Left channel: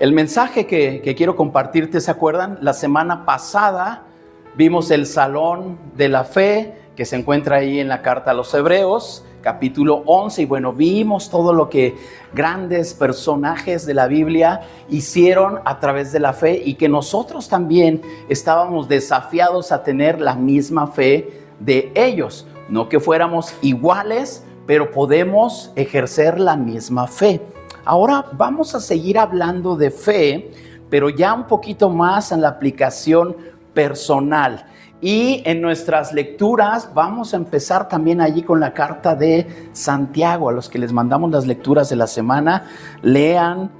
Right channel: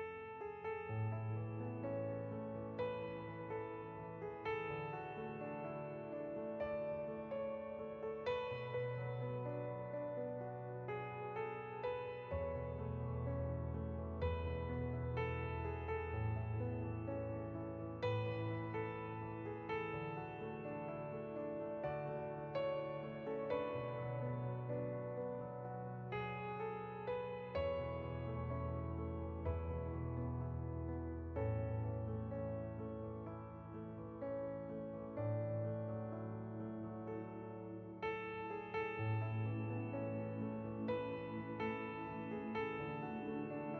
El mensaje que quiero compartirte, ¿se acuerdan? La semana pasada vimos el Salón de la Fe, que se encuentra ahí en la Carta a los Hebreos, capítulo 11, y bueno, vimos todo lo que grandes personajes de la Biblia hicieron a través de la fe y que nosotros también estábamos desafiados a tener la misma fe de ellos. No que fuéramos iguales, pero podemos ejercer la misma fe. Ahora vamos a seguir hablando de fe, pero ya un poquito más en la aplicación personal. Y en nuestras lecturas vamos a empezar también allí con la carta de Santiago. A los que les mandamos las lecturas de la semana, lean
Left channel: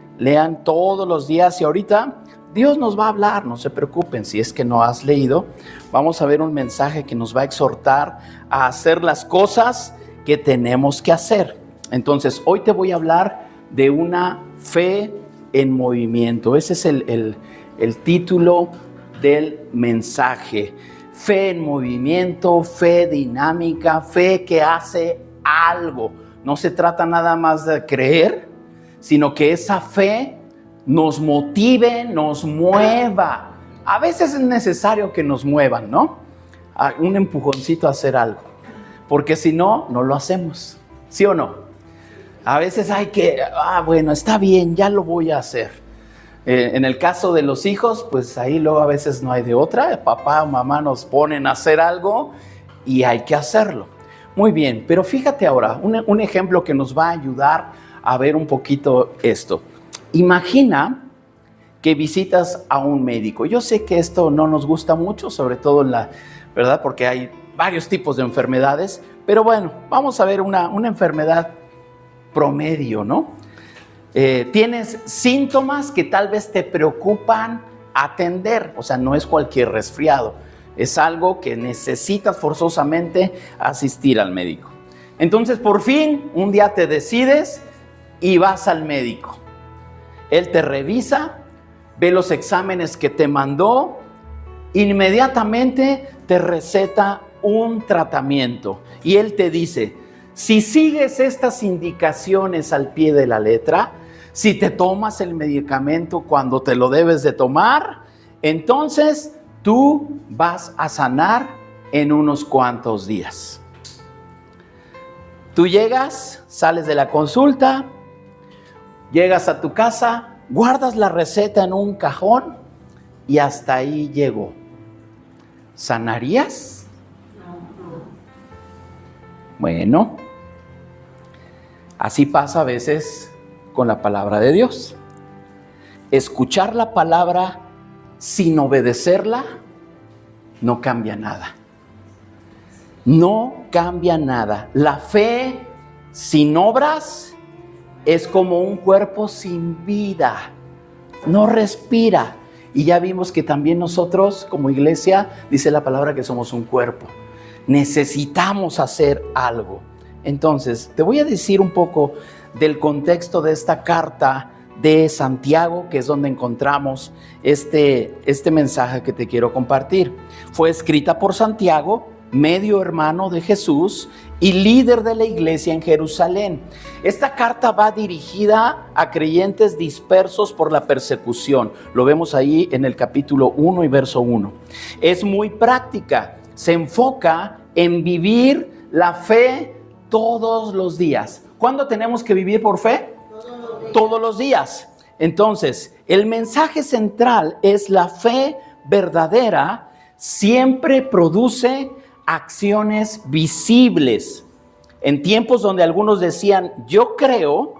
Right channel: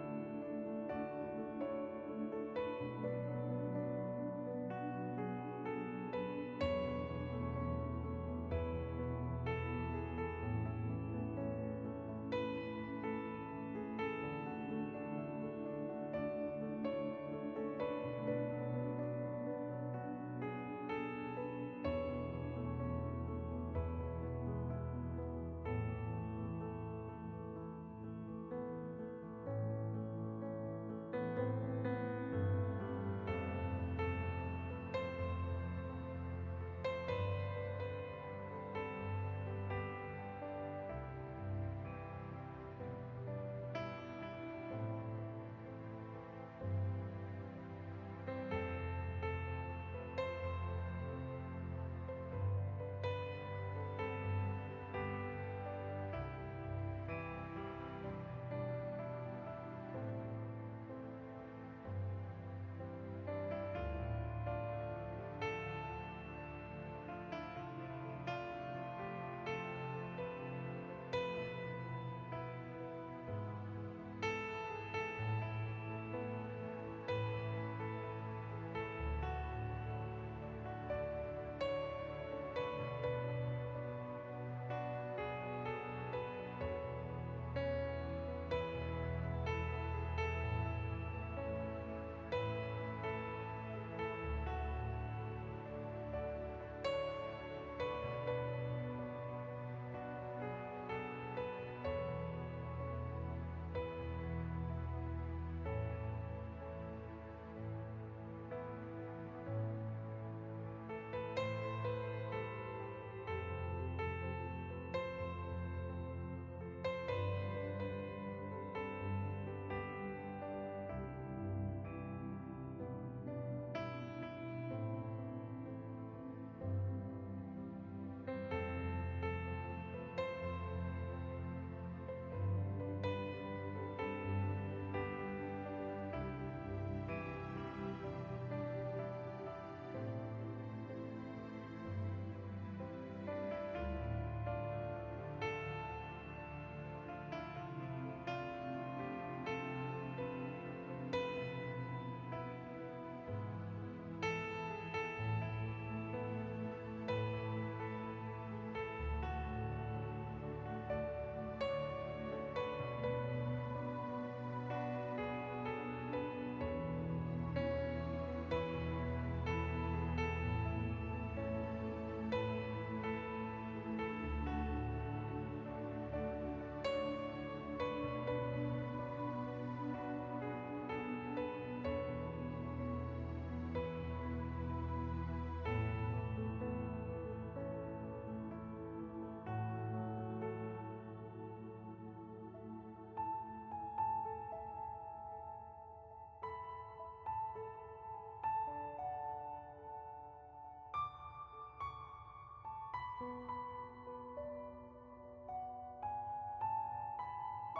todos los días. Y ahorita Dios nos va a hablar, no se preocupen si es que no has leído. Vamos a ver un mensaje que nos va a exhortar a hacer las cosas que tenemos que hacer. Entonces, hoy te voy a hablar de una fe en movimiento. Ese es el título del mensaje. Fe en movimiento, fe dinámica, fe que hace algo. No se trata nada más de creer, sino que esa fe nos motive, nos mueva. A veces es necesario que nos muevan, ¿no? Un empujoncito a hacer algo, porque si no, no lo hacemos. ¿Sí o no? A veces hay que, bueno, está bien, ya lo voy a hacer. En el caso de los hijos, pues ahí luego a veces no hay de otra. Papá o mamá nos ponen a hacer algo y hay que hacerlo. Muy bien, pero fíjate ahora, un ejemplo que nos va a ayudar a ver un poquito esto. Imagina que visitas a un médico. Yo sé que esto no nos gusta mucho, sobre todo ¿verdad? Porque hay varios tipos de enfermedades, pero bueno, vamos a ver una enfermedad promedio, ¿no? Tienes síntomas que tal vez te preocupan atender, o sea, no es cualquier resfriado, es algo que necesitas forzosamente asistir al médico. Entonces, por fin, un día te decides y vas al médico. Él te revisa, ve los exámenes que te mandó, inmediatamente te receta un tratamiento y él te dice: si sigues estas indicaciones al pie de la letra, si te tomas el medicamento cuando te lo debes de tomar, entonces tú vas a sanar en unos cuantos días. Tú llegas, sales de la consulta, llegas a tu casa, guardas la receta en un cajón y hasta ahí llegó. ¿Sanarías? Bueno, así pasa a veces con la palabra de Dios. Escuchar la palabra sin obedecerla no cambia nada. No cambia nada. La fe sin obras es como un cuerpo sin vida. No respira. Y ya vimos que también nosotros como iglesia, dice la palabra que somos un cuerpo. Necesitamos hacer algo. Entonces, te voy a decir un poco del contexto de esta carta de Santiago, que es donde encontramos este mensaje que te quiero compartir. Fue escrita por Santiago, medio hermano de Jesús y líder de la iglesia en Jerusalén. Esta carta va dirigida a creyentes dispersos por la persecución. Lo vemos ahí en el capítulo 1 y verso 1. Es muy práctica. Se enfoca en vivir la fe todos los días. ¿Cuándo tenemos que vivir por fe? Todos los días. Entonces, el mensaje central es: la fe verdadera siempre produce acciones visibles. En tiempos donde algunos decían yo creo,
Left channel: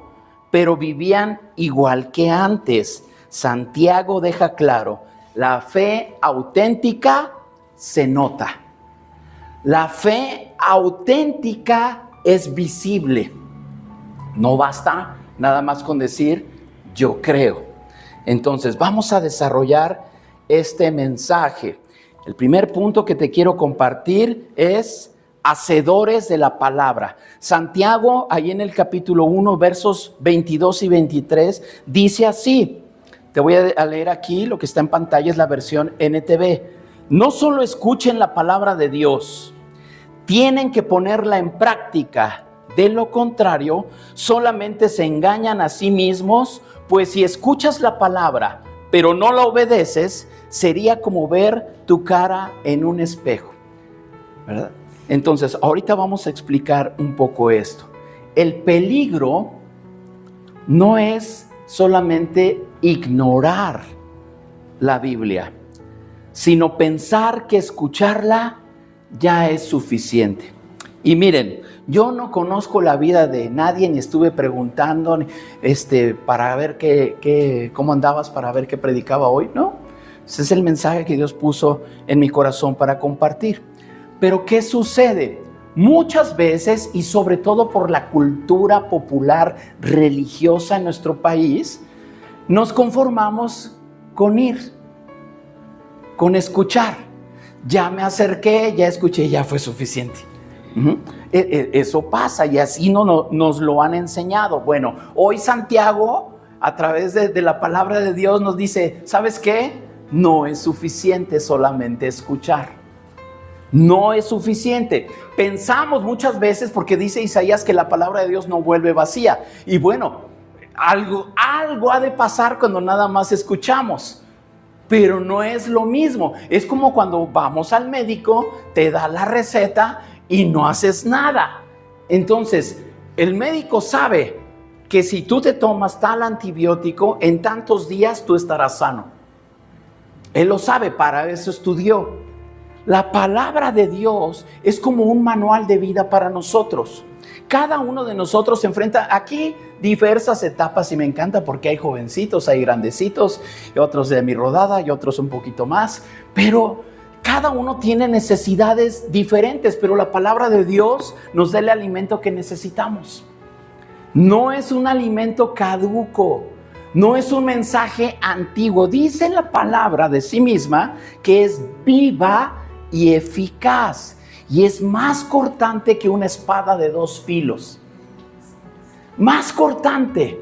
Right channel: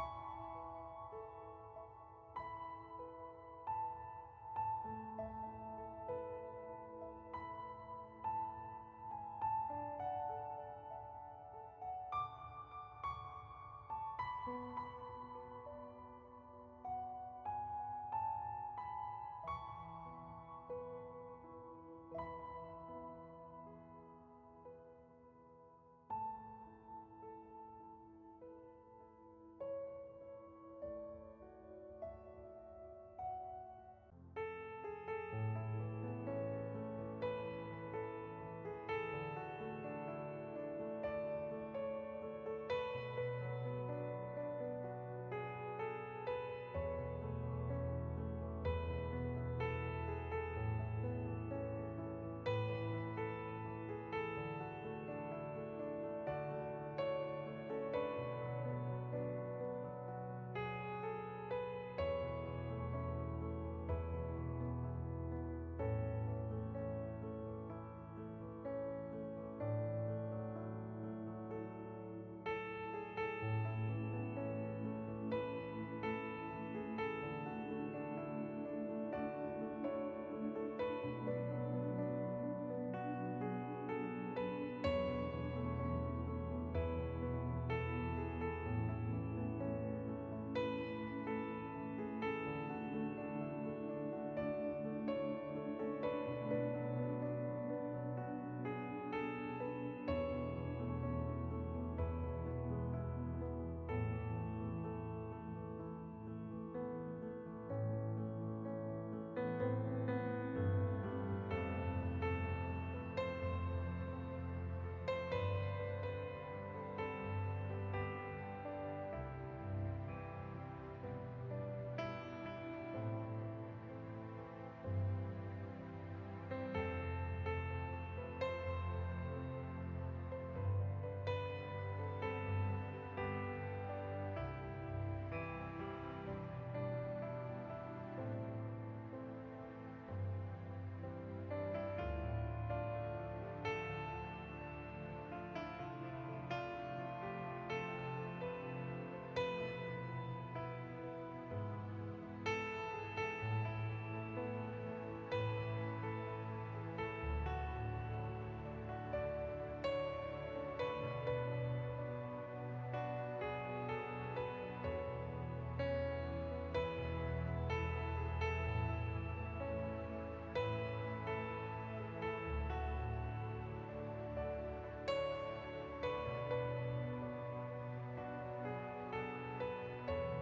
pero vivían igual que antes, Santiago deja claro: la fe auténtica se nota. La fe auténtica es visible. No basta nada más con decir yo creo. Entonces vamos a desarrollar este mensaje. El primer punto que te quiero compartir es hacedores de la palabra. Santiago, ahí en el capítulo 1, versos 22 y 23, dice así. Te voy a leer aquí, lo que está en pantalla es la versión NTV. No solo escuchen la palabra de Dios, tienen que ponerla en práctica. De lo contrario, solamente se engañan a sí mismos Pues si escuchas la palabra, pero no la obedeces, sería como ver tu cara en un espejo, ¿verdad? Entonces, ahorita vamos a explicar un poco esto. El peligro no es solamente ignorar la Biblia, sino pensar que escucharla ya es suficiente. Y miren, yo no conozco la vida de nadie, ni estuve preguntando para ver cómo andabas, para ver qué predicaba hoy, ¿no? Ese es el mensaje que Dios puso en mi corazón para compartir. Pero ¿qué sucede? Muchas veces, y sobre todo por la cultura popular religiosa en nuestro país, nos conformamos con ir, con escuchar. Ya me acerqué, ya escuché, ya fue suficiente. Eso pasa y así nos lo han enseñado. Bueno, hoy Santiago, a través de la palabra de Dios, nos dice, ¿sabes qué? No es suficiente solamente escuchar. No es suficiente. Pensamos muchas veces, porque dice Isaías que la palabra de Dios no vuelve vacía. Y bueno, algo ha de pasar cuando nada más escuchamos. Pero no es lo mismo. Es como cuando vamos al médico, te da la receta y no haces nada. Entonces, el médico sabe que si tú te tomas tal antibiótico, en tantos días tú estarás sano. Él lo sabe, para eso estudió. La palabra de Dios es como un manual de vida para nosotros. Cada uno de nosotros se enfrenta aquí diversas etapas y me encanta porque hay jovencitos, hay grandecitos, y otros de mi rodada y otros un poquito más, pero cada uno tiene necesidades diferentes, pero la palabra de Dios nos da el alimento que necesitamos. No es un alimento caduco, no es un mensaje antiguo. Dice la palabra de sí misma que es viva y eficaz, y es más cortante que una espada de 2 filos. Más cortante.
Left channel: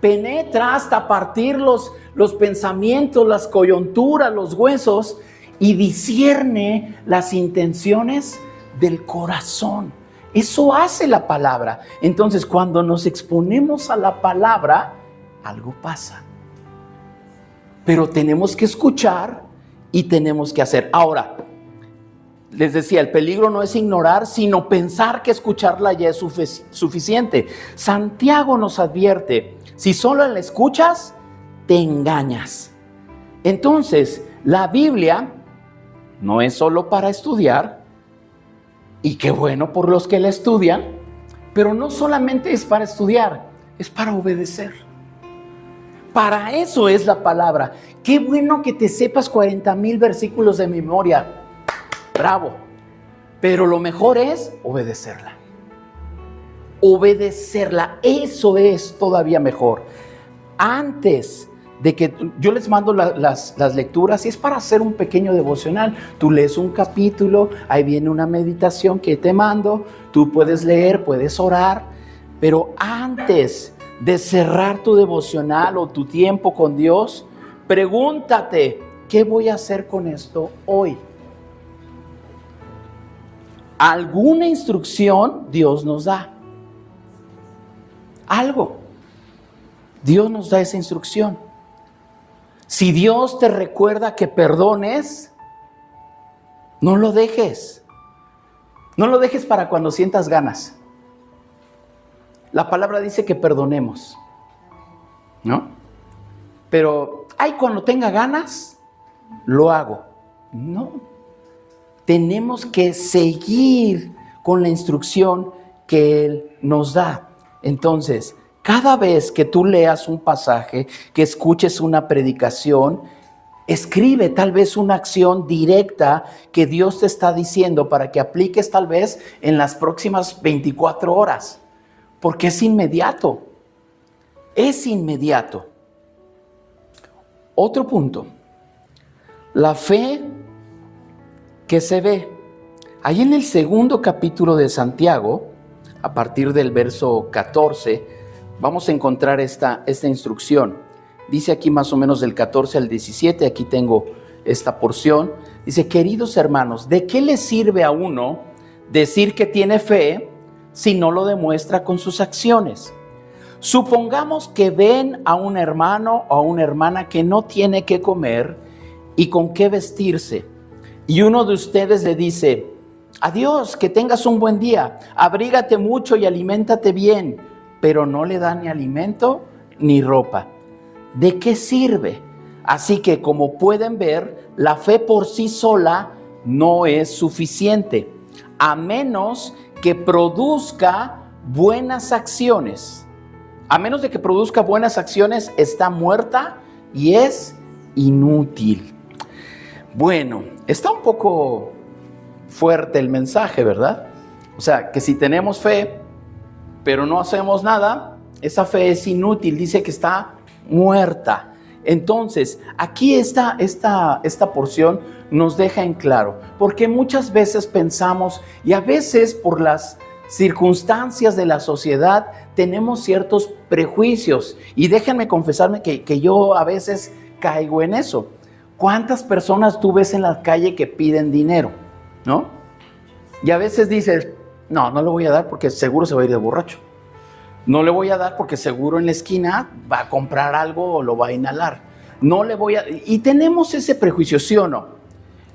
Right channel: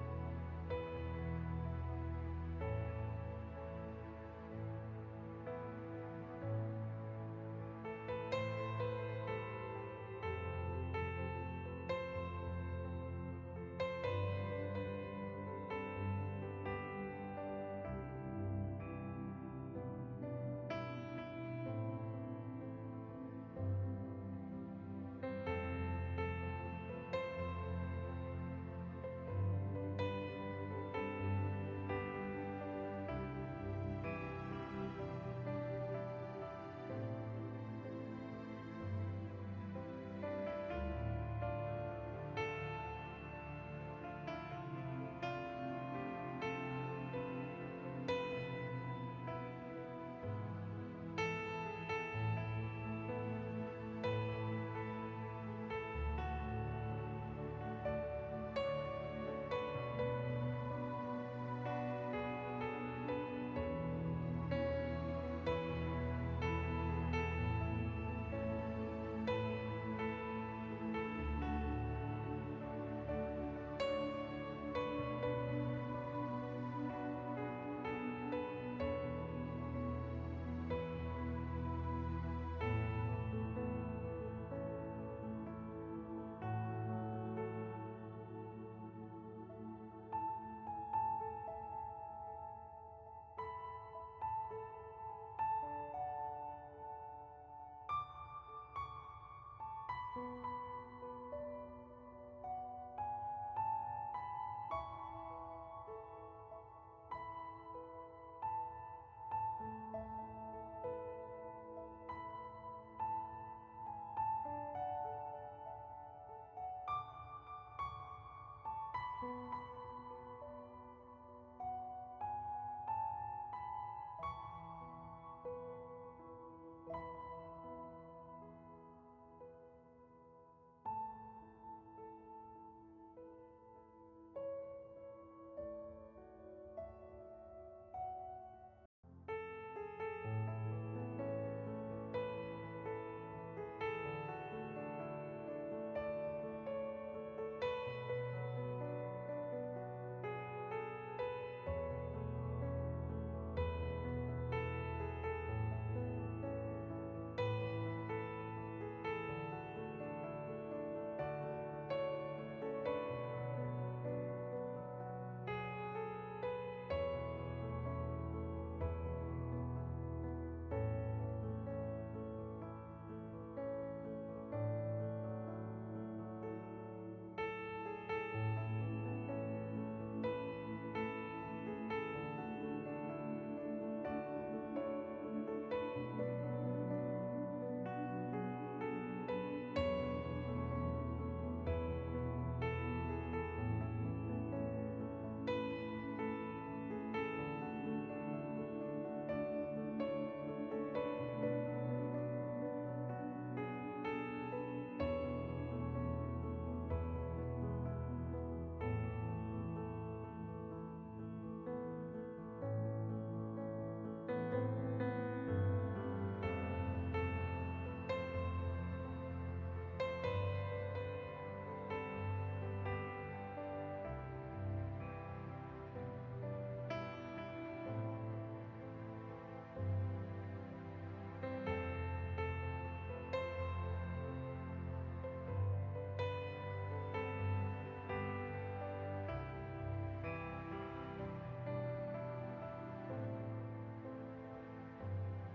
Penetra hasta partir los pensamientos, las coyunturas, los huesos, y discierne las intenciones del corazón. Eso hace la palabra. Entonces, cuando nos exponemos a la palabra, algo pasa. Pero tenemos que escuchar y tenemos que hacer. Ahora, les decía, el peligro no es ignorar, sino pensar que escucharla ya es suficiente. Santiago nos advierte, si solo la escuchas, te engañas. Entonces, la Biblia no es solo para estudiar, y qué bueno por los que la estudian, pero no solamente es para estudiar, es para obedecer. Para eso es la palabra. Qué bueno que te sepas 40,000 versículos de memoria. Bravo. Pero lo mejor es obedecerla. Obedecerla, eso es todavía mejor. Antes de que yo les mando las lecturas, y es para hacer un pequeño devocional. Tú lees un capítulo, ahí viene una meditación que te mando, tú puedes leer, puedes orar, pero antes de cerrar tu devocional o tu tiempo con Dios, pregúntate, ¿qué voy a hacer con esto hoy? Alguna instrucción Dios nos da. Algo. Dios nos da esa instrucción. Si Dios te recuerda que perdones, no lo dejes. No lo dejes para cuando sientas ganas. La palabra dice que perdonemos, ¿no? Pero, cuando tenga ganas, lo hago. No. Tenemos que seguir con la instrucción que Él nos da. Entonces, cada vez que tú leas un pasaje, que escuches una predicación, escribe tal vez una acción directa que Dios te está diciendo para que apliques tal vez en las próximas 24 horas. Porque es inmediato. Es inmediato. Otro punto. La fe que se ve. Ahí en el 2 capítulo de Santiago, a partir del verso 14, vamos a encontrar esta instrucción. Dice aquí más o menos del 14 al 17, aquí tengo esta porción. Dice, queridos hermanos, ¿de qué le sirve a uno decir que tiene fe si no lo demuestra con sus acciones? Supongamos que ven a un hermano o a una hermana que no tiene qué comer y con qué vestirse. Y uno de ustedes le dice: adiós, que tengas un buen día, abrígate mucho y aliméntate bien, pero no le da ni alimento ni ropa. ¿De qué sirve? Así que, como pueden ver, la fe por sí sola no es suficiente, a menos que produzca buenas acciones. A menos de que produzca buenas acciones, está muerta y es inútil. Bueno, está un poco fuerte el mensaje, ¿verdad? O sea, que si tenemos fe, pero no hacemos nada, esa fe es inútil, dice que está muerta. Entonces, aquí esta porción nos deja en claro, porque muchas veces pensamos, y a veces por las circunstancias de la sociedad, tenemos ciertos prejuicios, y déjenme confesarme que yo a veces caigo en eso. ¿Cuántas personas tú ves en la calle que piden dinero, no? Y a veces dices: no le voy a dar porque seguro se va a ir de borracho. No le voy a dar porque seguro en la esquina va a comprar algo o lo va a inhalar. No le voy a... Y tenemos ese prejuicio, ¿sí o no?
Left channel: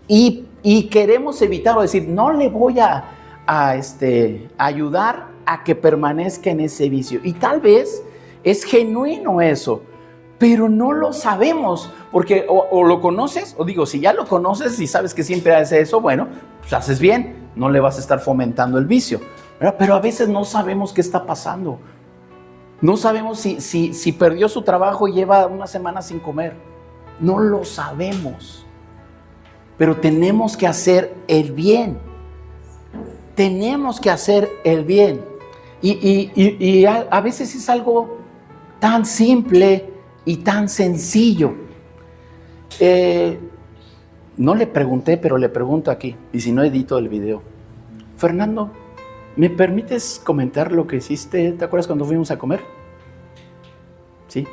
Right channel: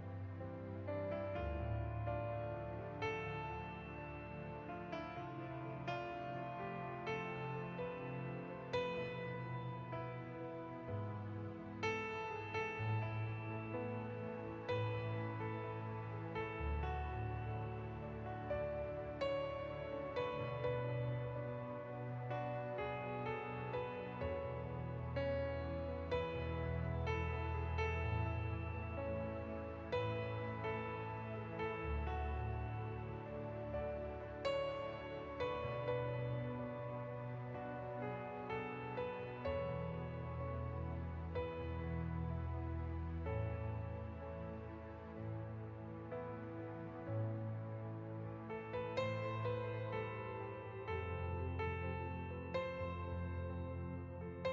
Y queremos evitar o decir: no le voy a ayudar a que permanezca en ese vicio. Y tal vez es genuino eso, pero no lo sabemos, porque o lo conoces, o digo, si ya lo conoces y sabes que siempre hace eso, bueno, pues haces bien, no le vas a estar fomentando el vicio, ¿verdad? Pero a veces no sabemos qué está pasando. No sabemos si perdió su trabajo y lleva una semana sin comer. No lo sabemos. Pero tenemos que hacer el bien. Tenemos que hacer el bien. Y a veces es algo tan simple y tan sencillo. No le pregunté, pero le pregunto aquí, y si no edito el video. Fernando, ¿me permites comentar lo que hiciste? ¿Te acuerdas cuando fuimos a comer? Sí.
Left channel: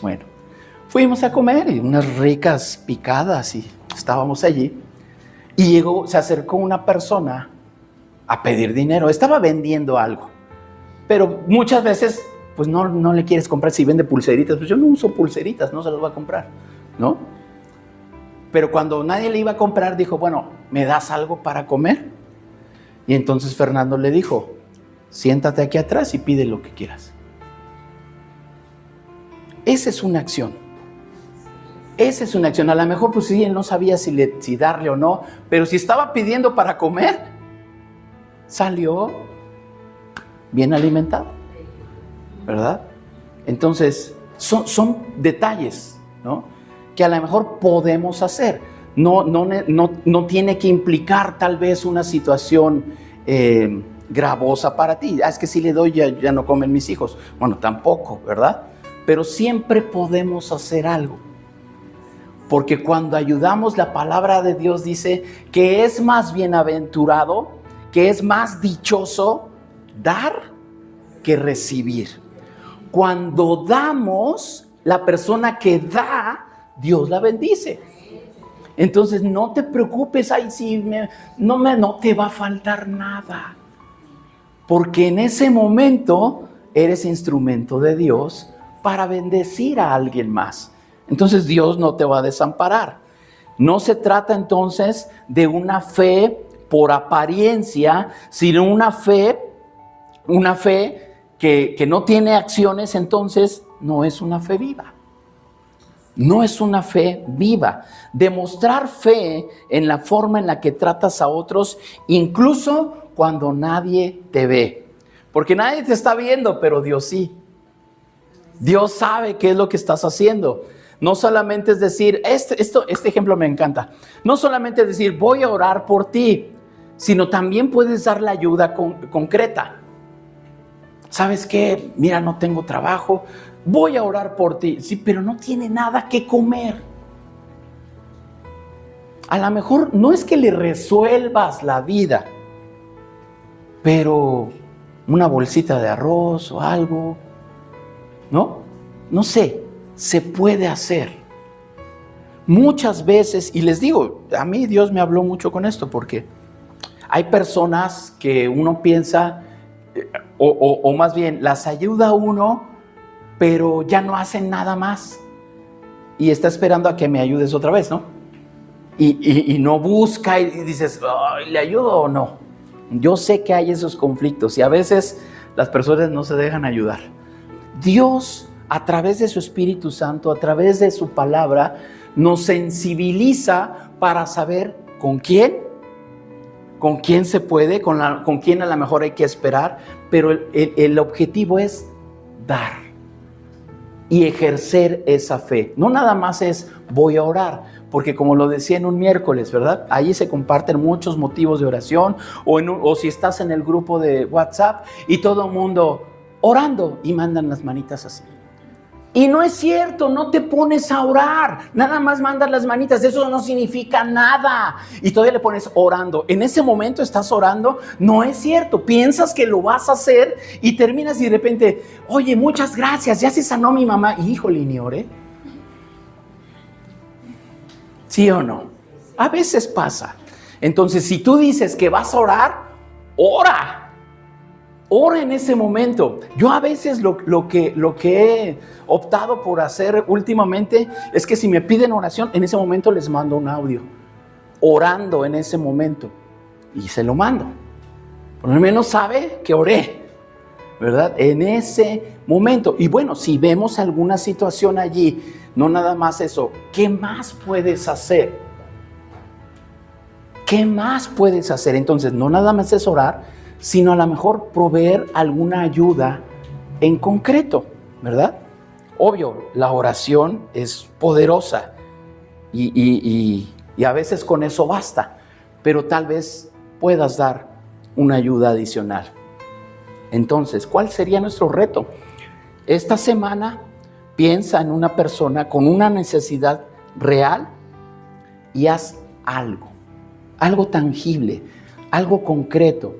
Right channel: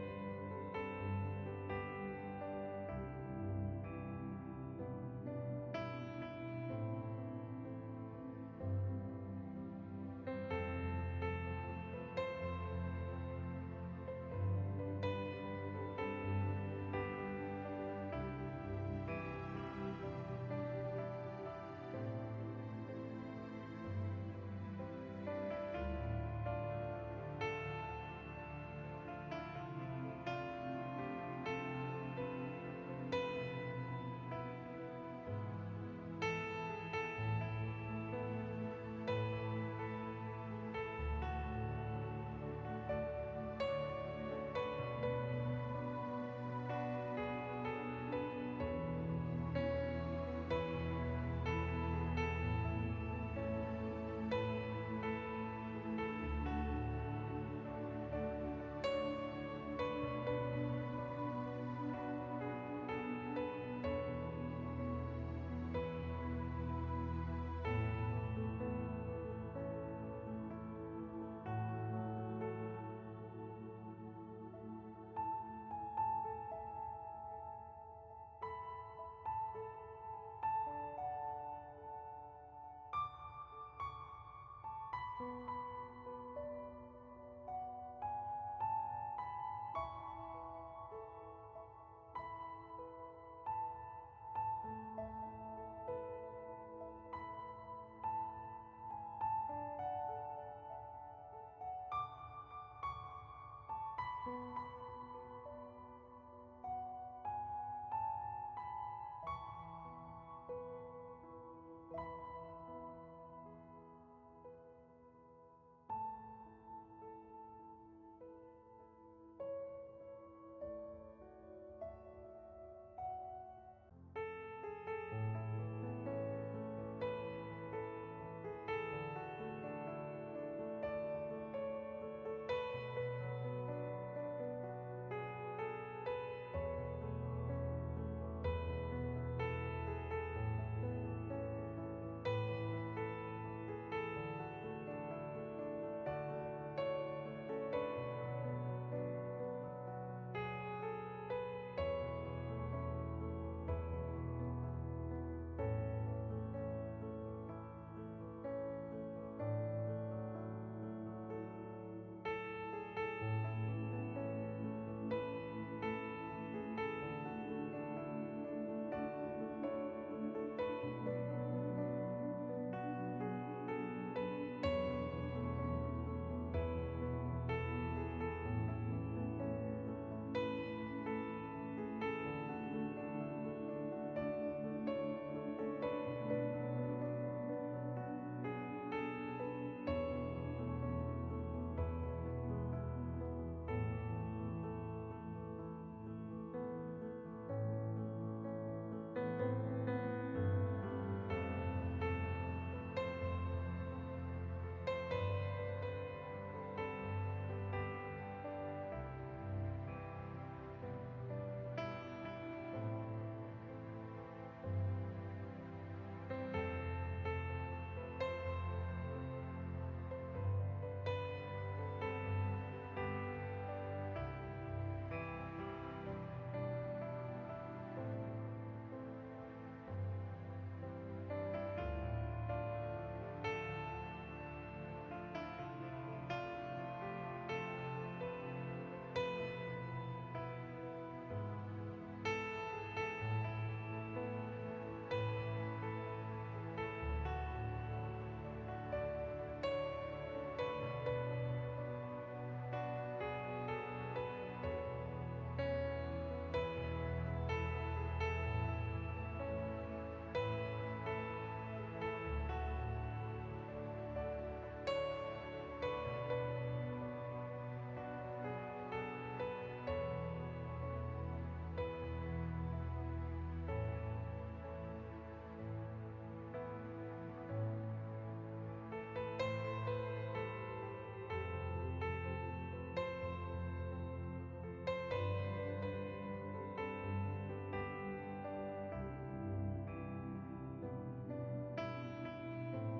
Bueno, fuimos a comer y unas ricas picadas y estábamos allí. Y se acercó una persona a pedir dinero. Estaba vendiendo algo, pero muchas veces pues no le quieres comprar. Si vende pulseritas, pues yo no uso pulseritas, no se las voy a comprar, ¿no? Pero cuando nadie le iba a comprar, dijo: bueno, ¿me das algo para comer? Y entonces Fernando le dijo: siéntate aquí atrás y pide lo que quieras. Esa es una acción. Esa es una acción. A lo mejor pues sí, él no sabía si darle o no, pero si estaba pidiendo para comer, salió bien alimentado, ¿verdad? Entonces, son detalles, ¿no?, que a lo mejor podemos hacer. No tiene que implicar tal vez una situación gravosa para ti. Es que si le doy ya no comen mis hijos. Bueno, tampoco, ¿verdad? Pero siempre podemos hacer algo. Porque cuando ayudamos, la palabra de Dios dice que es más bienaventurado, que es más dichoso dar que recibir. Cuando damos, la persona que da, Dios la bendice. Entonces no te preocupes, ay, sí, no te va a faltar nada, porque en ese momento eres instrumento de Dios para bendecir a alguien más. Entonces Dios no te va a desamparar. No se trata entonces de una fe por apariencia, sino una fe que no tiene acciones. Entonces no es una fe viva. No es una fe viva. Demostrar fe en la forma en la que tratas a otros, incluso cuando nadie te ve. Porque nadie te está viendo, pero Dios sí. Dios sabe qué es lo que estás haciendo. No solamente es decir, este ejemplo me encanta. No solamente es decir, voy a orar por ti, sino también puedes dar la ayuda concreta. ¿Sabes qué? Mira, no tengo trabajo. Voy a orar por ti. Sí, pero no tiene nada que comer. A lo mejor no es que le resuelvas la vida, pero una bolsita de arroz o algo, ¿no? No sé, se puede hacer. Muchas veces, y les digo, a mí Dios me habló mucho con esto, porque hay personas que uno piensa o más bien, las ayuda a uno, pero ya no hacen nada más. Y está esperando a que me ayudes otra vez, ¿no? Y no busca y dices, "Ay, ¿le ayudo o no?". Yo sé que hay esos conflictos y a veces las personas no se dejan ayudar. Dios, a través de su Espíritu Santo, a través de su palabra, nos sensibiliza para saber con quién se puede, con quién a lo mejor hay que esperar, pero el objetivo es dar y ejercer esa fe. No nada más es voy a orar, porque como lo decía en un miércoles, ¿verdad? Ahí se comparten muchos motivos de oración, o si estás en el grupo de WhatsApp y todo el mundo orando y mandan las manitas así. Y no es cierto, no te pones a orar, nada más mandas las manitas, eso no significa nada. Y todavía le pones orando. En ese momento estás orando, no es cierto, piensas que lo vas a hacer y terminas y de repente, oye, muchas gracias, ya se sanó mi mamá. Híjole, ni oré. ¿Sí o no? A veces pasa. Entonces, si tú dices que vas a orar, ora en ese momento. Yo a veces lo que he optado por hacer últimamente es que si me piden oración, en ese momento les mando un audio, orando en ese momento, y se lo mando. Por lo menos sabe que oré, ¿verdad? En ese momento. Y bueno, si vemos alguna situación allí, no nada más eso, ¿qué más puedes hacer? ¿Qué más puedes hacer? Entonces, no nada más es orar, sino a lo mejor proveer alguna ayuda en concreto, ¿verdad? Obvio, la oración es poderosa y a veces con eso basta, pero tal vez puedas dar una ayuda adicional. Entonces, ¿cuál sería nuestro reto? Esta semana piensa en una persona con una necesidad real y haz algo tangible, algo concreto,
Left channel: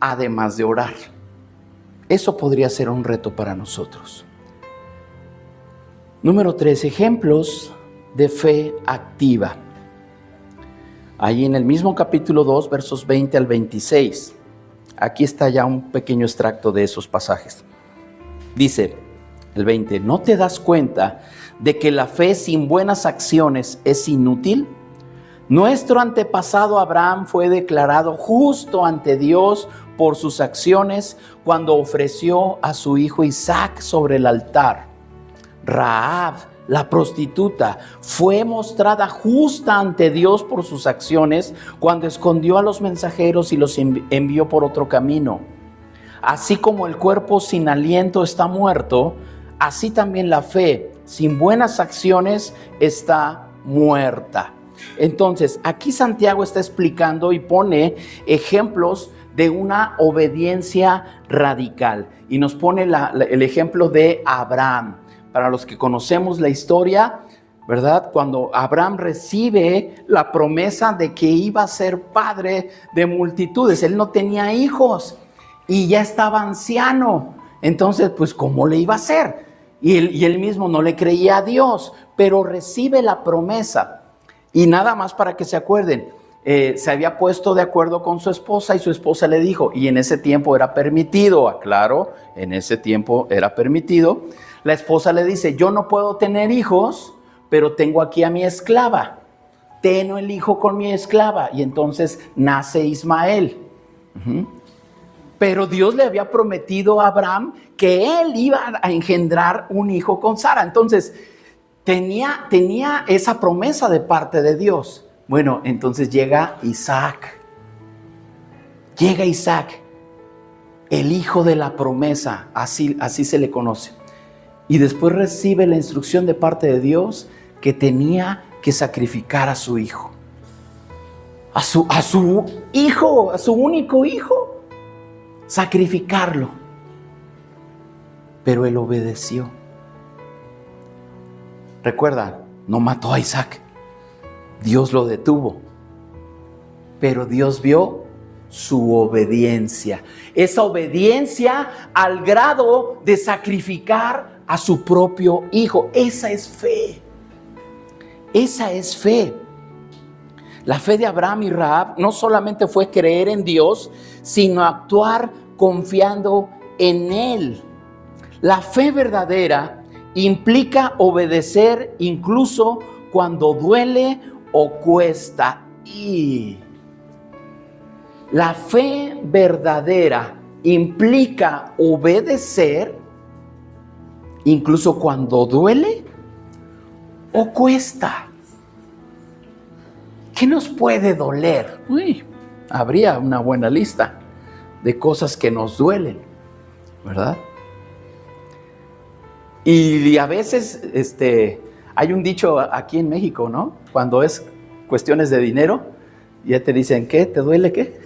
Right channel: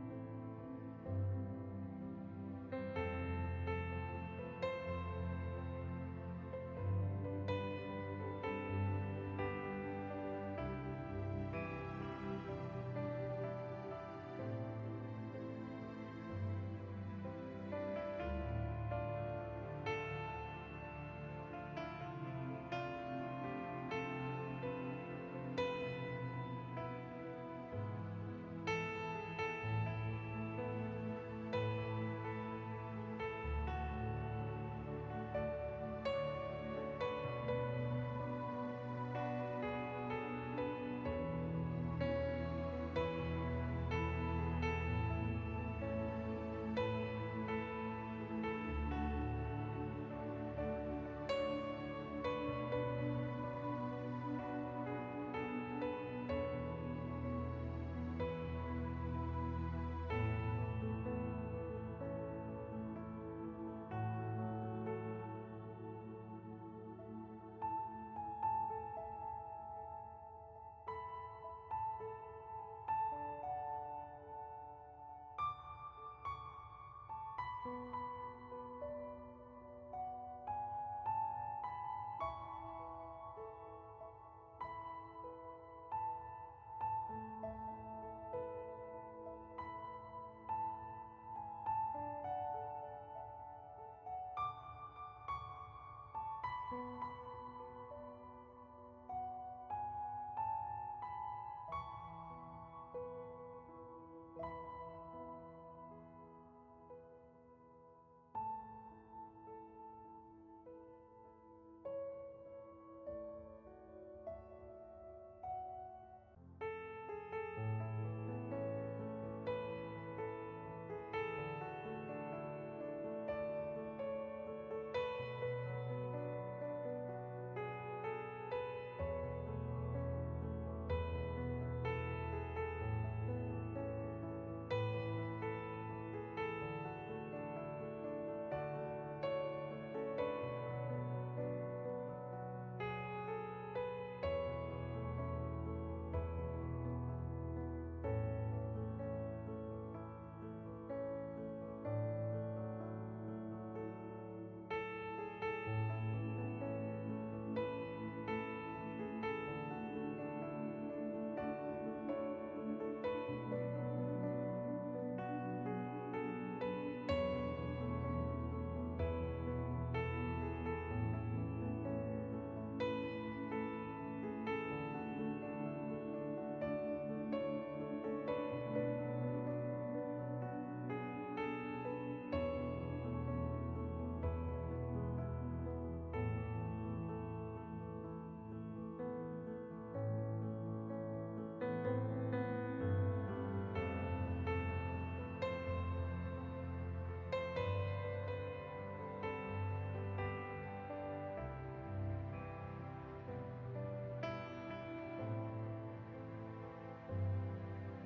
además de orar. Eso podría ser un reto para nosotros. Número 3, ejemplos de fe activa. Ahí en el mismo capítulo 2, versos 20 al 26. Aquí está ya un pequeño extracto de esos pasajes. Dice el 20, ¿no te das cuenta de que la fe sin buenas acciones es inútil? Nuestro antepasado Abraham fue declarado justo ante Dios por sus acciones cuando ofreció a su hijo Isaac sobre el altar. Rahab, la prostituta, fue mostrada justa ante Dios por sus acciones cuando escondió a los mensajeros y los envió por otro camino. Así como el cuerpo sin aliento está muerto, así también la fe sin buenas acciones está muerta. Entonces, aquí Santiago está explicando y pone ejemplos de una obediencia radical. Y nos pone el ejemplo de Abraham. Para los que conocemos la historia, ¿verdad? Cuando Abraham recibe la promesa de que iba a ser padre de multitudes, él no tenía hijos y ya estaba anciano. Entonces, pues, ¿cómo le iba a hacer? Y él mismo no le creía a Dios, pero recibe la promesa. Y nada más para que se acuerden, se había puesto de acuerdo con su esposa y su esposa le dijo, y en ese tiempo era permitido, aclaro, en ese tiempo era permitido. La esposa le dice, yo no puedo tener hijos, pero tengo aquí a mi esclava. Tengo el hijo con mi esclava. Y entonces nace Ismael. Pero Dios le había prometido a Abraham que él iba a engendrar un hijo con Sara. Entonces, tenía esa promesa de parte de Dios. Bueno, entonces llega Isaac. El hijo de la promesa, así se le conoce. Y después recibe la instrucción de parte de Dios que tenía que sacrificar a su hijo. A su hijo, a su único hijo. Sacrificarlo. Pero él obedeció. Recuerda, no mató a Isaac. Dios lo detuvo. Pero Dios vio su obediencia. Esa obediencia al grado de sacrificar a su propio hijo. Esa es fe. Esa es fe. La fe de Abraham y Rahab no solamente fue creer en Dios, sino actuar confiando en Él. La fe verdadera implica obedecer incluso cuando duele o cuesta. Y la fe verdadera implica obedecer incluso cuando duele o cuesta. ¿Qué nos puede doler? Habría una buena lista de cosas que nos duelen, ¿verdad? Y a veces hay un dicho aquí en México, ¿no? Cuando es cuestiones de dinero, ya te dicen, ¿qué? ¿Te duele qué?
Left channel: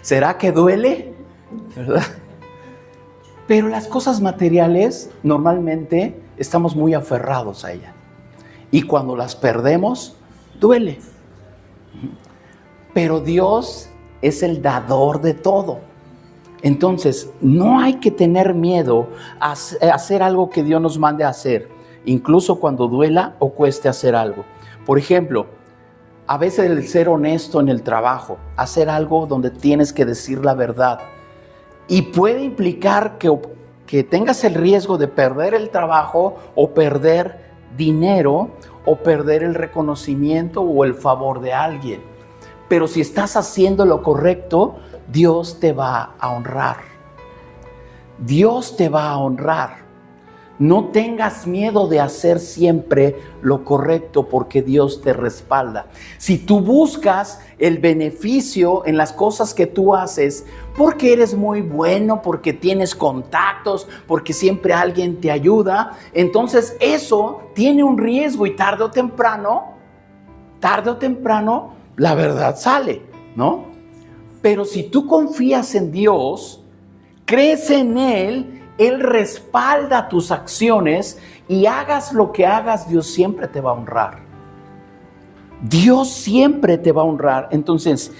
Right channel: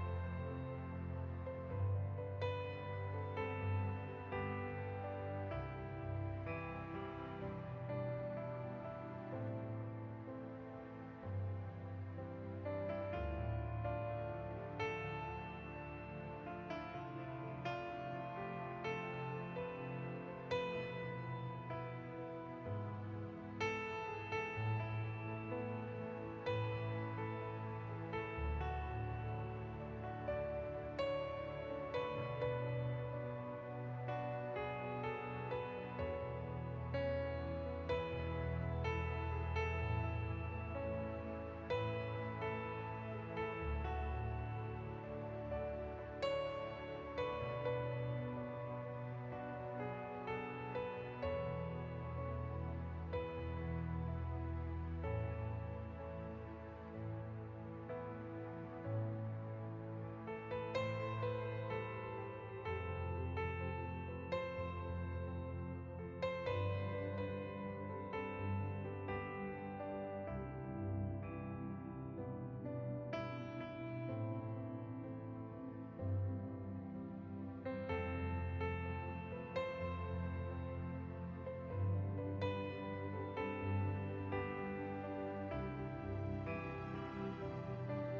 ¿Será que duele? ¿Verdad? Pero las cosas materiales normalmente estamos muy aferrados a ellas. Y cuando las perdemos, duele. Pero Dios es el dador de todo. Entonces, no hay que tener miedo a hacer algo que Dios nos mande a hacer, incluso cuando duela o cueste hacer algo. Por ejemplo, a veces el ser honesto en el trabajo, hacer algo donde tienes que decir la verdad, y puede implicar que tengas el riesgo de perder el trabajo o perder dinero o perder el reconocimiento o el favor de alguien. Pero si estás haciendo lo correcto, Dios te va a honrar. Dios te va a honrar. No tengas miedo de hacer siempre lo correcto porque Dios te respalda. Si tú buscas el beneficio en las cosas que tú haces, porque eres muy bueno, porque tienes contactos, porque siempre alguien te ayuda, entonces eso tiene un riesgo y tarde o temprano, la verdad sale, ¿no? Pero si tú confías en Dios, crees en Él, Él respalda tus acciones y hagas lo que hagas, Dios siempre te va a honrar. Dios siempre te va a honrar. Entonces,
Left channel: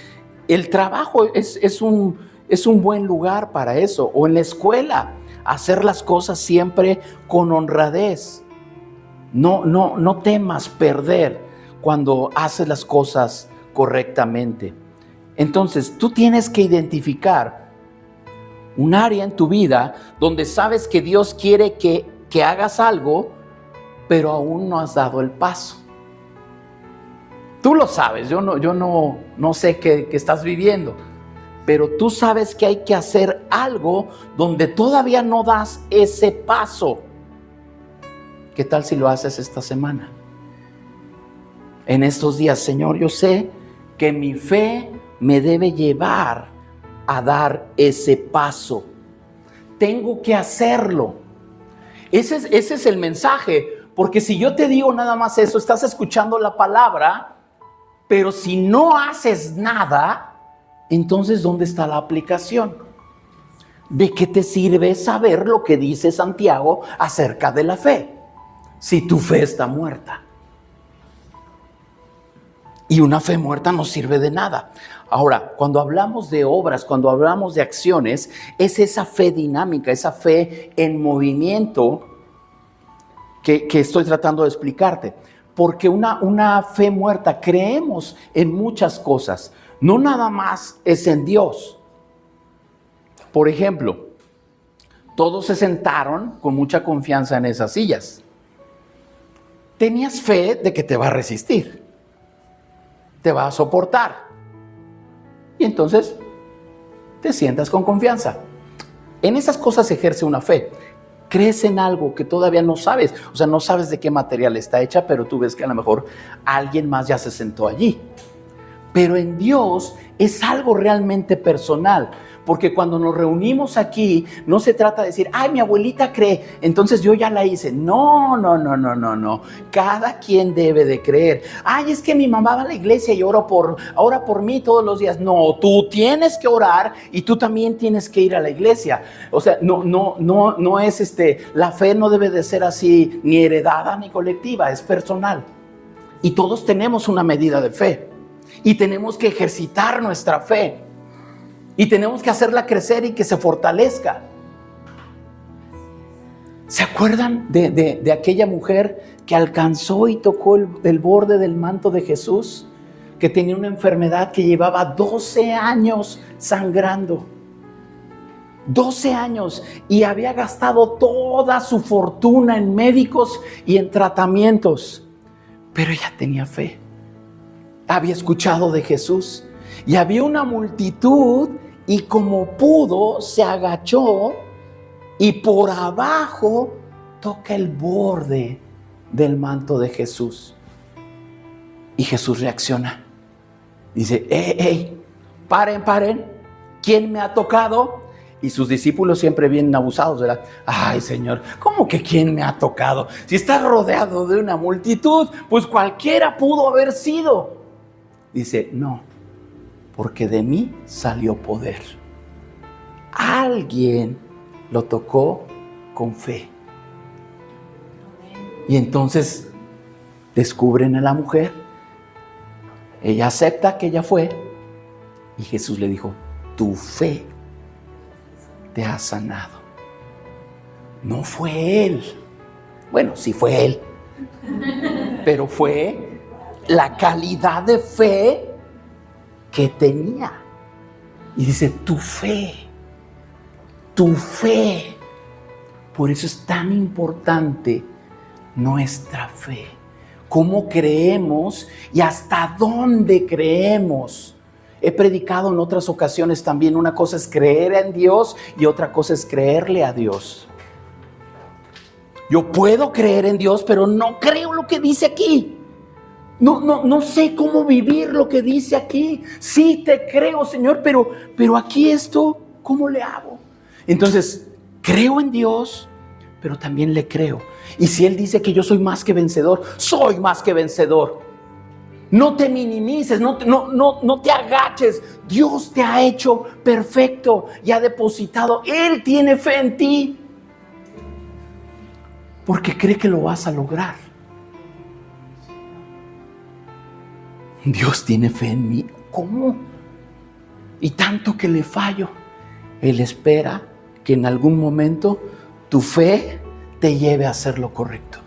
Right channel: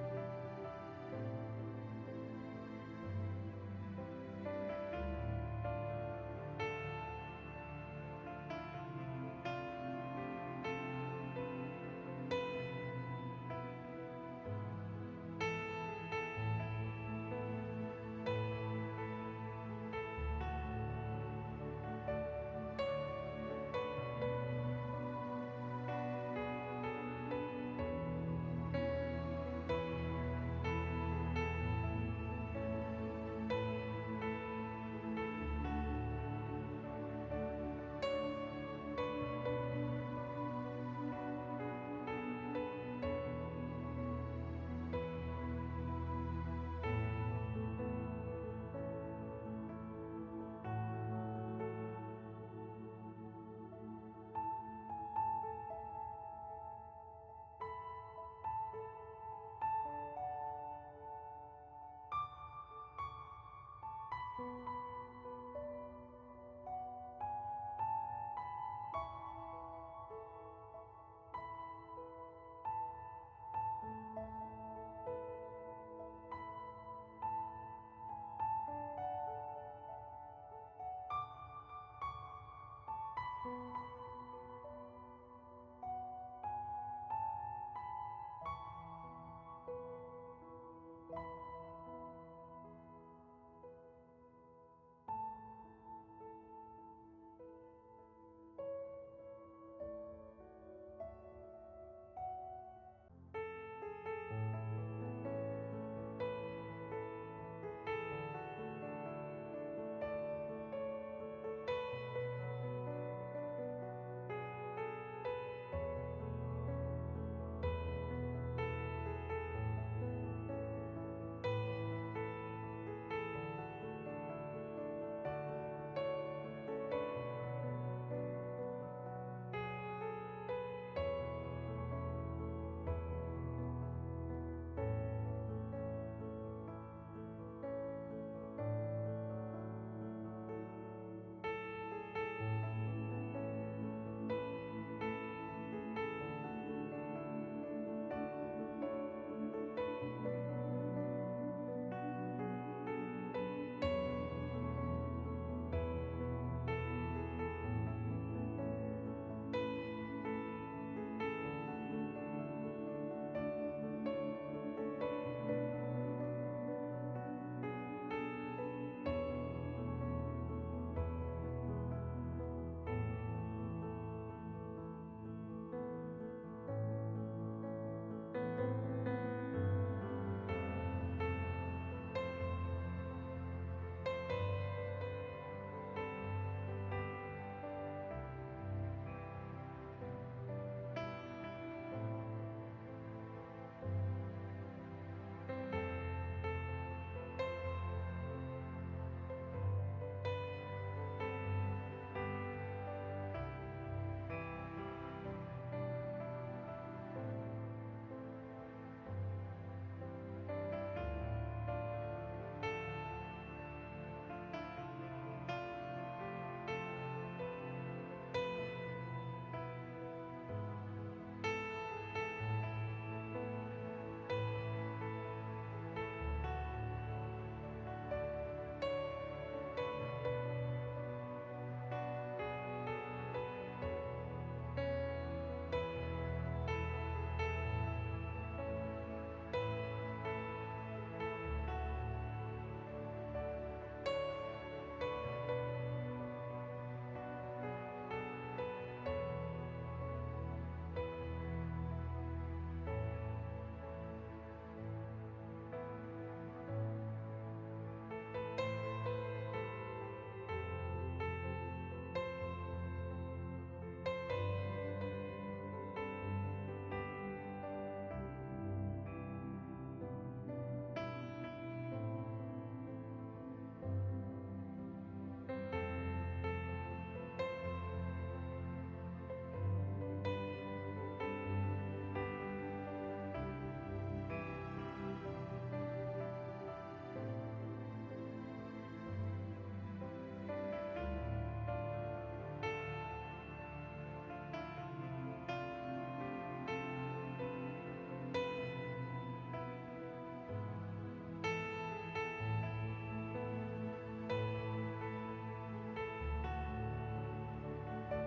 el trabajo es un buen lugar para eso. O en la escuela, hacer las cosas siempre con honradez. No temas perder cuando haces las cosas correctamente. Entonces, tú tienes que identificar un área en tu vida donde sabes que Dios quiere que hagas algo, pero aún no has dado el paso. Tú lo sabes, yo no sé qué estás viviendo, pero tú sabes que hay que hacer algo donde todavía no das ese paso. ¿Qué tal si lo haces esta semana? En estos días, Señor, yo sé que mi fe me debe llevar a dar ese paso. Tengo que hacerlo. Ese es el mensaje, porque si yo te digo nada más eso, estás escuchando la palabra, pero si no haces nada, entonces ¿dónde está la aplicación? ¿De qué te sirve saber lo que dice Santiago acerca de la fe, si tu fe está muerta? Y una fe muerta no sirve de nada. Ahora, cuando hablamos de obras, cuando hablamos de acciones, es esa fe dinámica, esa fe en movimiento que estoy tratando de explicarte. Porque una fe muerta, creemos en muchas cosas, no nada más es en Dios. Por ejemplo, todos se sentaron con mucha confianza en esas sillas. Tenías fe de que te va a resistir, te va a soportar. Y entonces te sientas con confianza. En esas cosas ejerce una fe. Crees en algo que todavía no sabes. O sea, no sabes de qué material está hecha, pero tú ves que a lo mejor alguien más ya se sentó allí. Pero en Dios es algo realmente personal. Porque cuando nos reunimos aquí, no se trata de decir, ay, mi abuelita cree, entonces yo ya la hice. No. Cada quien debe de creer. Ay, es que mi mamá va a la iglesia y ora por mí todos los días. No, tú tienes que orar y tú también tienes que ir a la iglesia. O sea, no es la fe no debe de ser así, ni heredada ni colectiva, es personal. Y todos tenemos una medida de fe. Y tenemos que ejercitar nuestra fe. Y tenemos que hacerla crecer y que se fortalezca. ¿Se acuerdan de aquella mujer que alcanzó y tocó el borde del manto de Jesús? que tenía una enfermedad que llevaba 12 años sangrando. 12 años, y había gastado toda su fortuna en médicos y en tratamientos. Pero ella tenía fe. Había escuchado de Jesús y había una multitud, y como pudo se agachó y por abajo toca el borde del manto de Jesús. Y Jesús reacciona. Dice: paren, ¿quién me ha tocado? Y sus discípulos siempre vienen abusados, ¿verdad? Ay, Señor, ¿cómo que quién me ha tocado? Si estás rodeado de una multitud, pues cualquiera pudo haber sido. Dice: no, porque de mí salió poder. Alguien lo tocó con fe. Y entonces descubren a la mujer. Ella acepta que ella fue. Y Jesús le dijo: tu fe te ha sanado. No fue él. Bueno, sí fue él. Pero fue la calidad de fe que tenía. Y dice: tu fe. Tu fe. Por eso es tan importante nuestra fe. ¿Cómo creemos y hasta dónde creemos? He predicado en otras ocasiones también. Una cosa es creer en Dios y otra cosa es creerle a Dios. Yo puedo creer en Dios, pero no creo lo que dice aquí. No sé cómo vivir lo que dice aquí. Sí te creo, Señor, pero aquí esto, ¿cómo le hago? Entonces, creo en Dios, pero también le creo. Y si Él dice que yo soy más que vencedor, soy más que vencedor. No te minimices, no te agaches. Dios te ha hecho perfecto y ha depositado. Él tiene fe en ti, porque cree que lo vas a lograr. Dios tiene fe en mí. ¿Cómo? Y tanto que le fallo. Él espera que en algún momento tu fe te lleve a hacer lo correcto.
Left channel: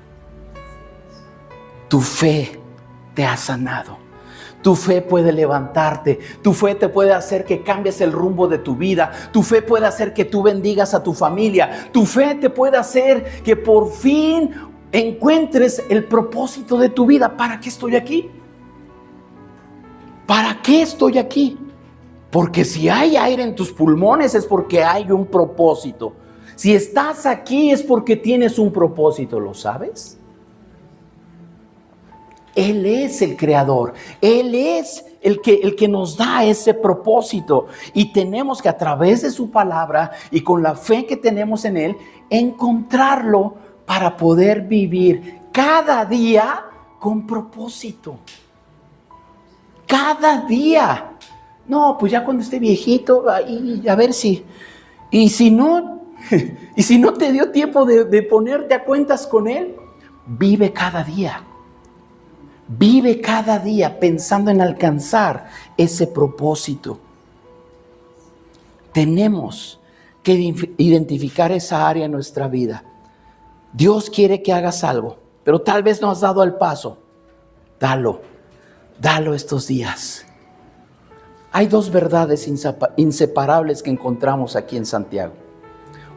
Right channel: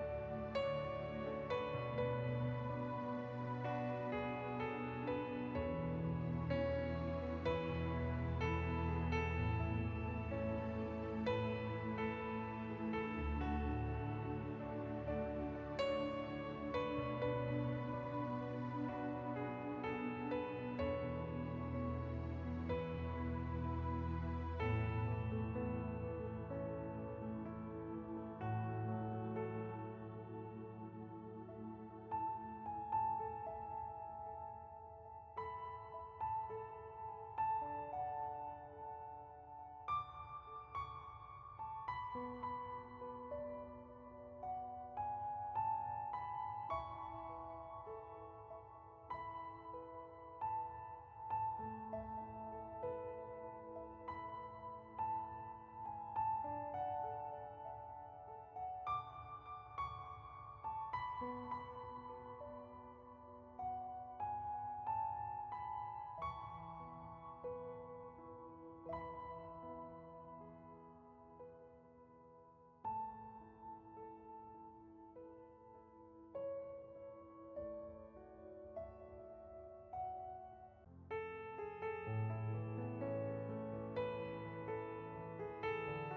Tu fe te ha sanado. Tu fe puede levantarte. Tu fe te puede hacer que cambies el rumbo de tu vida. Tu fe puede hacer que tú bendigas a tu familia. Tu fe te puede hacer que por fin encuentres el propósito de tu vida. ¿Para qué estoy aquí? ¿Para qué estoy aquí? Porque si hay aire en tus pulmones es porque hay un propósito. Si estás aquí es porque tienes un propósito, ¿lo sabes? Él es el creador. Él es el que nos da ese propósito. Y tenemos que, a través de su palabra y con la fe que tenemos en Él, encontrarlo para poder vivir cada día con propósito. Cada día. No, pues ya cuando esté viejito, a ver si. Y si no te dio tiempo de ponerte a cuentas con Él, vive cada día. Vive cada día pensando en alcanzar ese propósito. Tenemos que identificar esa área en nuestra vida. Dios quiere que hagas algo, pero tal vez no has dado el paso. Dalo estos días. Hay dos verdades inseparables que encontramos aquí en Santiago.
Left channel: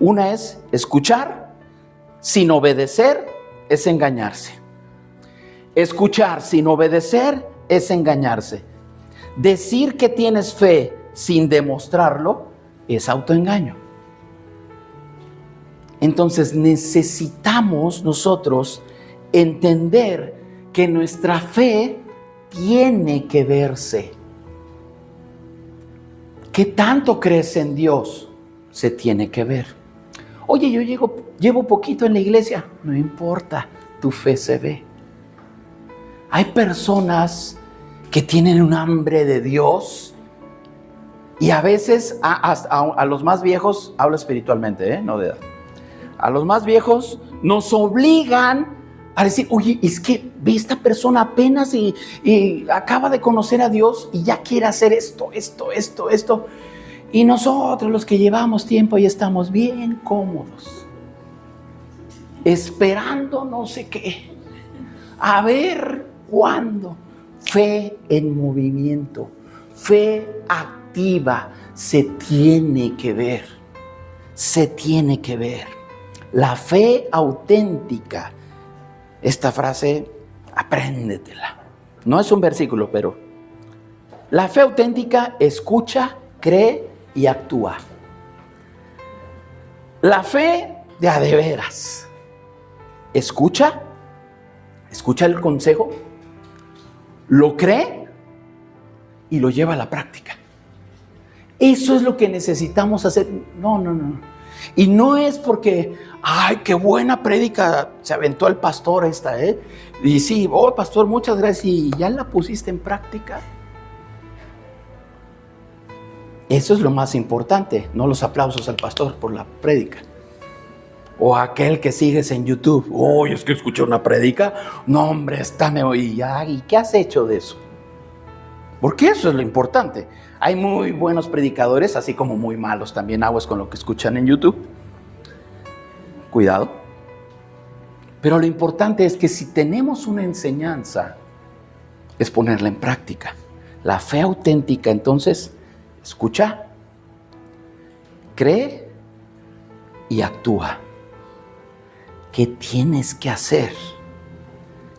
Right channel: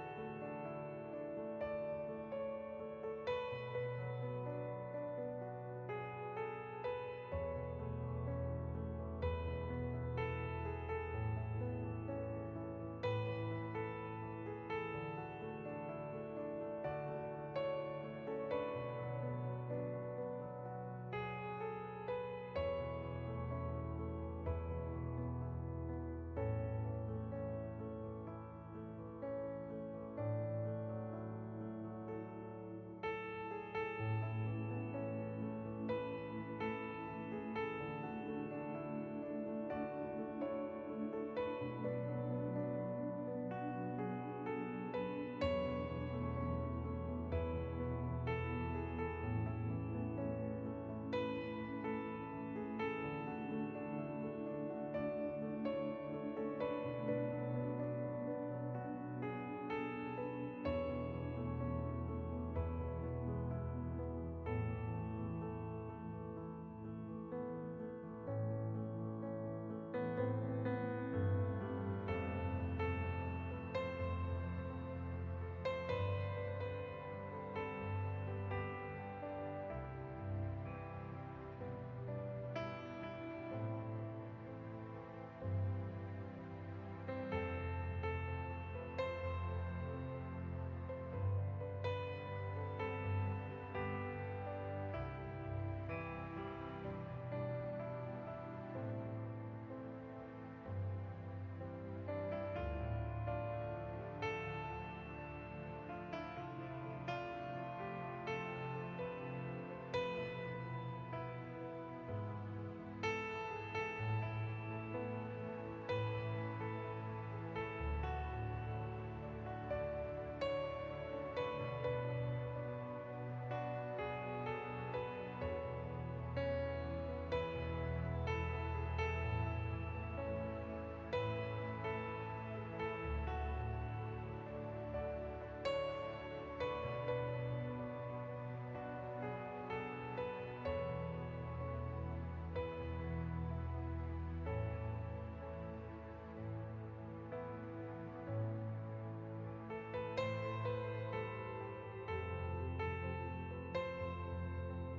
Una es escuchar sin obedecer es engañarse. Escuchar sin obedecer es engañarse. Decir que tienes fe sin demostrarlo es autoengaño. Entonces necesitamos nosotros entender que nuestra fe tiene que verse. ¿Qué tanto crees en Dios? Se tiene que ver. Oye, yo llevo poquito en la iglesia. No importa, tu fe se ve. Hay personas que tienen un hambre de Dios y a veces a los más viejos, hablo espiritualmente, no de edad. A los más viejos nos obligan a decir: oye, es que ve, esta persona apenas y acaba de conocer a Dios y ya quiere hacer esto. Y nosotros, los que llevamos tiempo, ya estamos bien cómodos, esperando no sé qué. A ver cuándo. fe en movimiento, fe activa. Se tiene que ver, se tiene que ver. La fe auténtica. Esta frase, apréndetela. No es un versículo, pero la fe auténtica escucha, cree y actúa. La fe de a de veras escucha el consejo, lo cree y lo lleva a la práctica. Eso es lo que necesitamos hacer. No. Y no es porque, ay, qué buena prédica se aventó el pastor esta, Y sí, pastor, muchas gracias. ¿Y ya la pusiste en práctica? Eso es lo más importante, no los aplausos al pastor por la prédica. O aquel que sigues en YouTube. Es que escuché una prédica. No, hombre, ¿y qué has hecho de eso? Porque eso es lo importante. Hay muy buenos predicadores, así como muy malos también. Aguas con lo que escuchan en YouTube. Cuidado. Pero lo importante es que si tenemos una enseñanza, es ponerla en práctica. La fe auténtica, entonces, escucha, cree y actúa. ¿Qué tienes que hacer?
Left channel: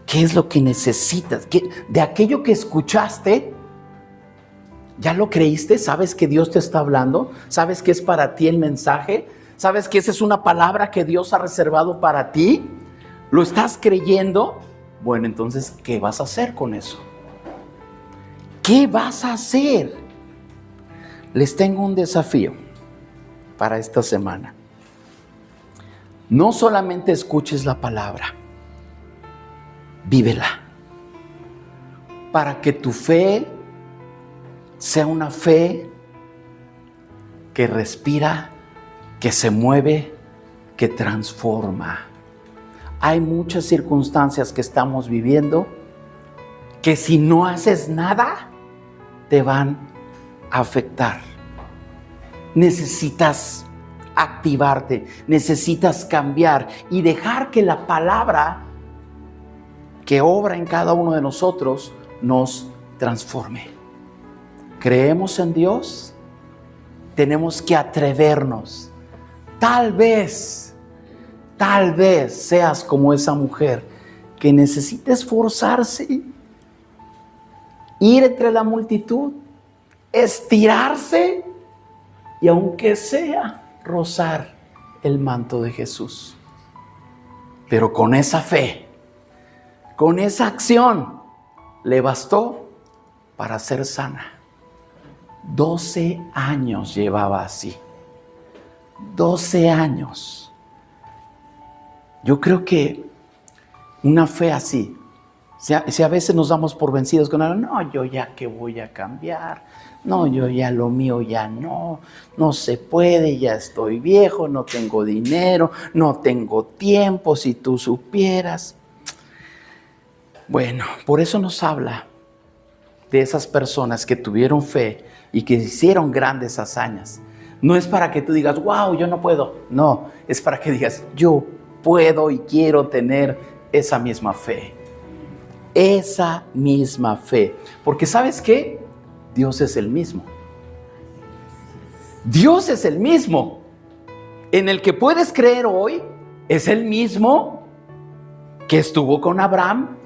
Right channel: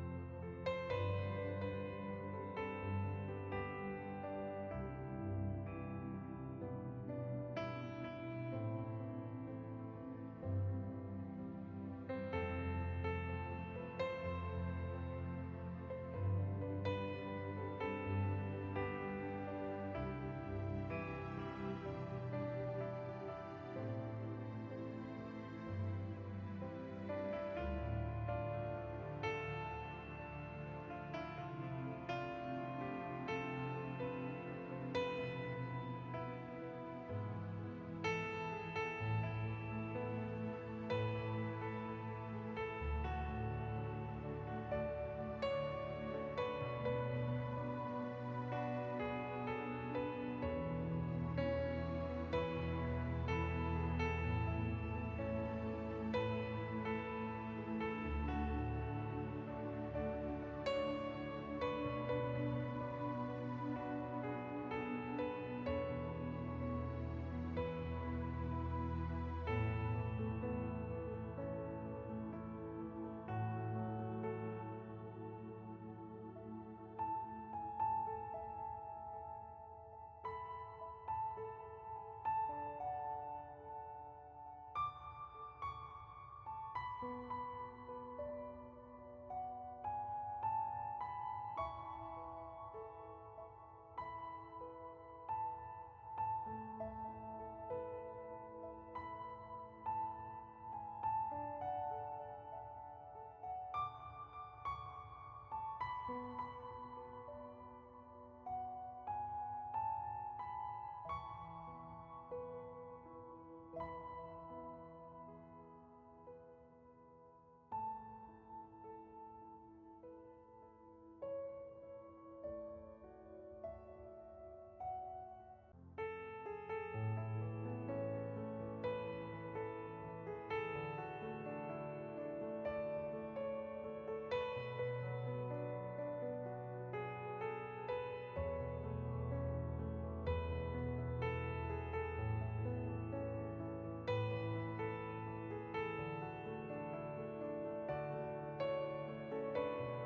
¿Qué es lo que necesitas? De aquello que escuchaste, ¿ya lo creíste? ¿Sabes que Dios te está hablando? ¿Sabes que es para ti el mensaje? ¿Sabes que esa es una palabra que Dios ha reservado para ti? ¿Lo estás creyendo? Bueno, entonces, ¿qué vas a hacer con eso? ¿Qué vas a hacer? Les tengo un desafío para esta semana. No solamente escuches la palabra, vívela, para que tu fe sea una fe que respira, que se mueve, que transforma. Hay muchas circunstancias que estamos viviendo que si no haces nada, te van a afectar. Necesitas activarte, necesitas cambiar y dejar que la palabra que obra en cada uno de nosotros nos transforme. ¿Creemos en Dios? Tenemos que atrevernos. Tal vez seas como esa mujer que necesita esforzarse, ir entre la multitud, estirarse y aunque sea rozar el manto de Jesús. Pero con esa fe, con esa acción, le bastó para ser sana. 12 años llevaba así. 12 años. Yo creo que una fe así, si a veces nos damos por vencidos con algo, no, yo ya que voy a cambiar, no, yo ya lo mío ya no se puede, ya estoy viejo, no tengo dinero, no tengo tiempo, si tú supieras. Bueno, por eso nos habla de esas personas que tuvieron fe y que hicieron grandes hazañas. No es para que tú digas, wow, yo no puedo. No, es para que digas, yo puedo y quiero tener esa misma fe. Esa misma fe. Porque ¿sabes qué? Dios es el mismo. Dios es el mismo. En el que puedes creer hoy es el mismo que estuvo con Abraham.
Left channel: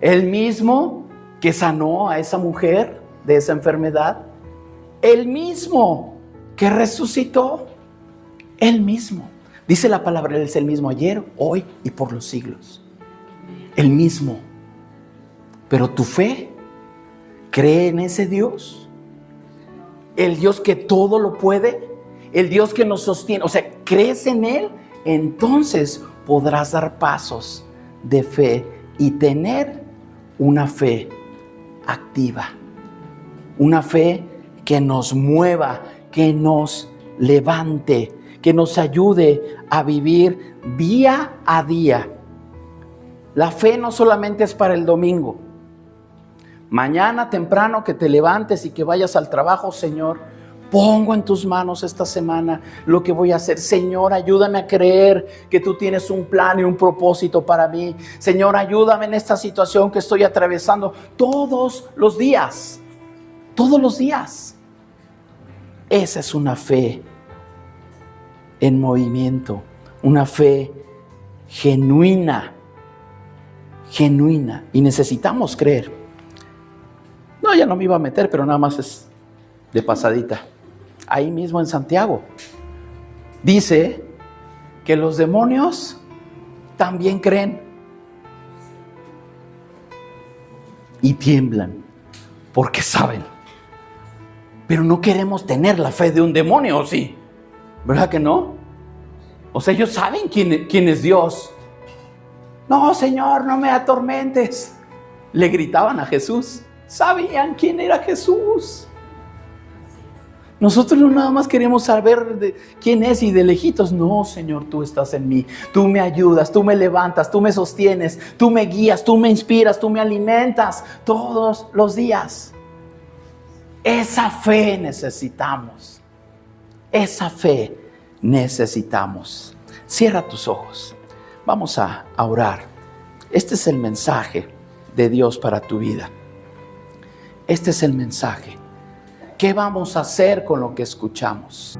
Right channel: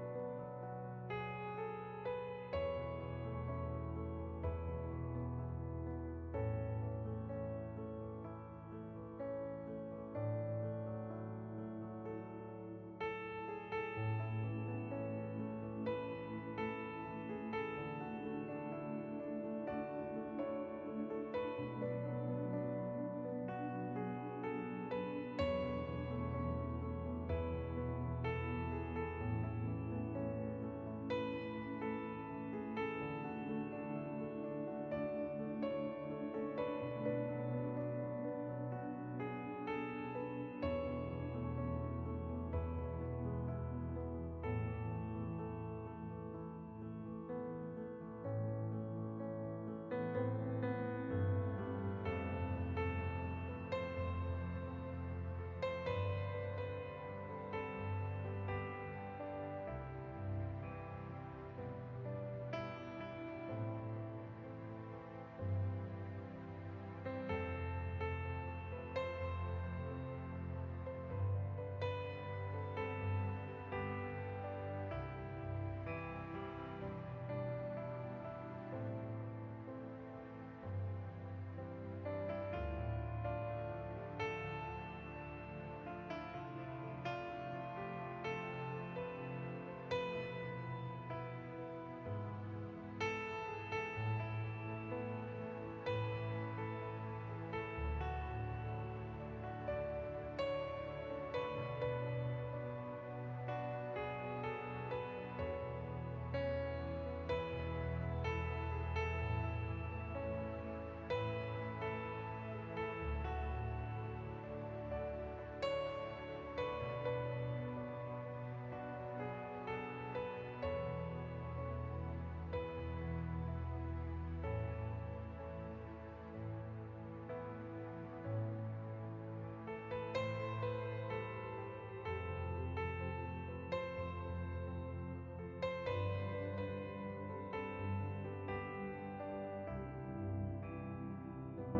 El mismo que sanó a esa mujer de esa enfermedad. El mismo que resucitó. El mismo. Dice la palabra, Él es el mismo ayer, hoy y por los siglos. El mismo. Pero tu fe cree en ese Dios. El Dios que todo lo puede. El Dios que nos sostiene. O sea, crees en Él, entonces podrás dar pasos de fe y tener una fe activa. Una fe que nos mueva, que nos levante, que nos ayude a vivir día a día. La fe no solamente es para el domingo. Mañana temprano que te levantes y que vayas al trabajo, Señor, Pongo en tus manos esta semana lo que voy a hacer. Señor, ayúdame a creer que tú tienes un plan y un propósito para mí. Señor, ayúdame en esta situación que estoy atravesando todos los días. Todos los días. Esa es una fe en movimiento, una fe genuina. Genuina. Y necesitamos creer. No, ya no me iba a meter, pero nada más es de pasadita. Ahí mismo en Santiago dice que los demonios también creen y tiemblan porque saben. Pero no queremos tener la fe de un demonio, ¿o sí? ¿Verdad que no? O sea, ellos saben quién es Dios. No, Señor, no me atormentes. Le gritaban a Jesús. Sabían quién era Jesús. Nosotros no nada más queremos saber de quién es y de lejitos. No, Señor, tú estás en mí. Tú me ayudas, tú me levantas, tú me sostienes, tú me guías, tú me inspiras, tú me alimentas todos los días. Esa fe necesitamos. Esa fe necesitamos. Cierra tus ojos. Vamos a orar. Este es el mensaje de Dios para tu vida. Este es el mensaje. ¿Qué vamos a hacer con lo que escuchamos?